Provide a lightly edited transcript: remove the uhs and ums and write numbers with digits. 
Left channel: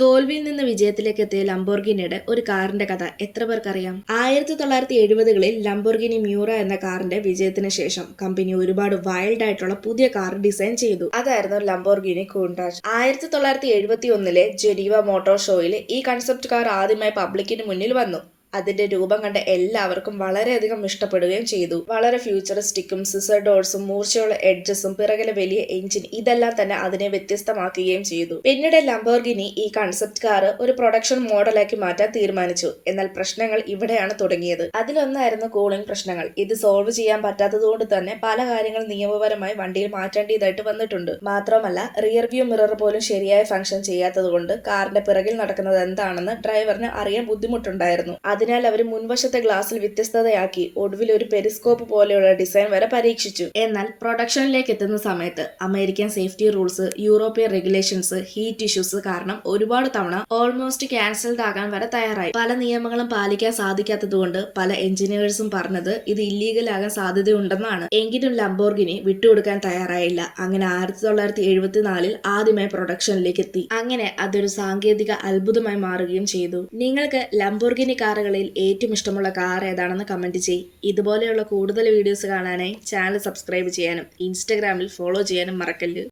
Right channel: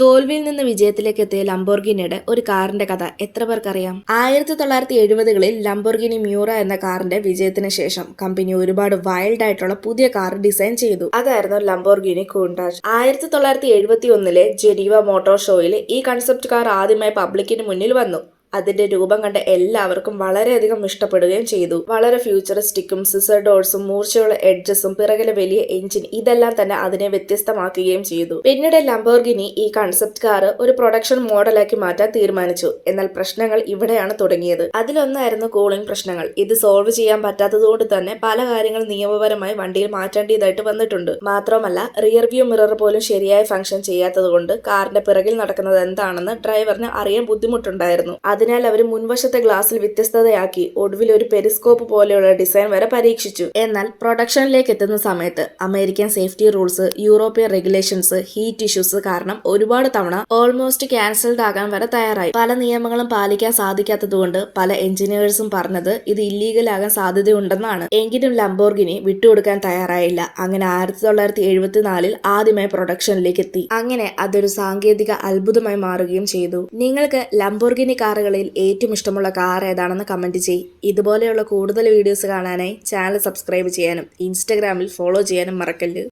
തോൽവിയിൽ നിന്ന് വിജയത്തിലേക്ക് എത്തിയ ലംബോർഗിനിയുടെ ഒരു കാറിന്റെ കഥ എത്ര പേർക്കറിയാം? 1970കളിൽ ലംബോർഗിനി മ്യൂറ എന്ന കാറിന്റെ വിജയത്തിന് ശേഷം കമ്പനി ഒരുപാട് വൈൽഡ് ആയിട്ടുള്ള പുതിയ കാർ ഡിസൈൻ ചെയ്തു. അതായിരുന്നു ലംബോർഗിനി കൂൺടാച്ച്. 1971 ജനീവ മോട്ടോർ ഷോയിൽ ഈ കൺസെപ്റ്റ് കാർ ആദ്യമായി പബ്ലിക്കിന് മുന്നിൽ വന്നു. അതിന്റെ രൂപം കണ്ട എല്ലാവർക്കും വളരെയധികം ഇഷ്ടപ്പെടുകയും ചെയ്തു. വളരെ ഫ്യൂച്ചറിസ്റ്റിക്കും സിസർ ഡോർസും മൂർച്ചയുള്ള എഡ്ജസും പിറകിലെ വലിയ എഞ്ചിൻ ഇതെല്ലാം തന്നെ അതിനെ വ്യത്യസ്തമാക്കുകയും ചെയ്തു. പിന്നീട് ലംബോർഗിനി ഈ കൺസെപ്റ്റ് കാർ ഒരു പ്രൊഡക്ഷൻ മോഡലാക്കി മാറ്റാൻ തീരുമാനിച്ചു. എന്നാൽ പ്രശ്നങ്ങൾ ഇവിടെയാണ് തുടങ്ങിയത്. അതിലൊന്നായിരുന്നു കൂളിംഗ് പ്രശ്നങ്ങൾ. ഇത് സോൾവ് ചെയ്യാൻ പറ്റാത്തതുകൊണ്ട് തന്നെ പല കാര്യങ്ങൾ നിയമപരമായി വണ്ടിയിൽ മാറ്റേണ്ടതായിട്ട് വന്നിട്ടുണ്ട്. മാത്രമല്ല റിയർ വ്യൂ മിറർ പോലും ശരിയായ ഫംഗ്ഷൻ ചെയ്യാത്തതുകൊണ്ട് കാറിന്റെ പിറകിൽ നടക്കുന്നത് എന്താണെന്ന് ഡ്രൈവറിന് അറിയാൻ ബുദ്ധിമുട്ടുണ്ടായിരുന്നു. അതിനാൽ അവർ മുൻവശത്തെ ഗ്ലാസിൽ വ്യത്യസ്തതയാക്കി ഒടുവിൽ ഒരു പെരിസ്കോപ്പ് പോലെയുള്ള ഡിസൈൻ വരെ പരീക്ഷിച്ചു. എന്നാൽ പ്രൊഡക്ഷനിലേക്ക് എത്തുന്ന സമയത്ത് American safety rules, European regulations, heat issues കാരണം ഒരുപാട് തവണ ഓൾമോസ്റ്റ് ക്യാൻസൽഡ് ആകാൻ വരെ തയ്യാറായി. പല നിയമങ്ങളും പാലിക്കാൻ സാധിക്കാത്തതുകൊണ്ട് പല എഞ്ചിനീയേഴ്സും പറഞ്ഞത് ഇത് ഇല്ലീഗൽ ആകാൻ സാധ്യതയുണ്ടെന്നാണ്. എങ്കിലും ലംബോർഗിനി വിട്ടുകൊടുക്കാൻ തയ്യാറായില്ല. അങ്ങനെ 1974 ആദ്യമായി പ്രൊഡക്ഷനിലേക്ക് എത്തി. അങ്ങനെ അതൊരു സാങ്കേതിക അത്ഭുതമായി മാറുകയും ചെയ്തു. നിങ്ങൾക്ക് ലംബോർഗിനി കാറുകളിൽ ഏറ്റവും ഇഷ്ടമുള്ള കാർ ഏതാണെന്ന് കമന്റ് ചെയ്യ്. ഇതുപോലെയുള്ള കൂടുതൽ വീഡിയോസ് കാണാനായി ചാനൽ സബ്സ്ക്രൈബ് ചെയ്യാനും ഇൻസ്റ്റഗ്രാമിൽ ഫോളോ ചെയ്യാനും മറക്കല്ല്.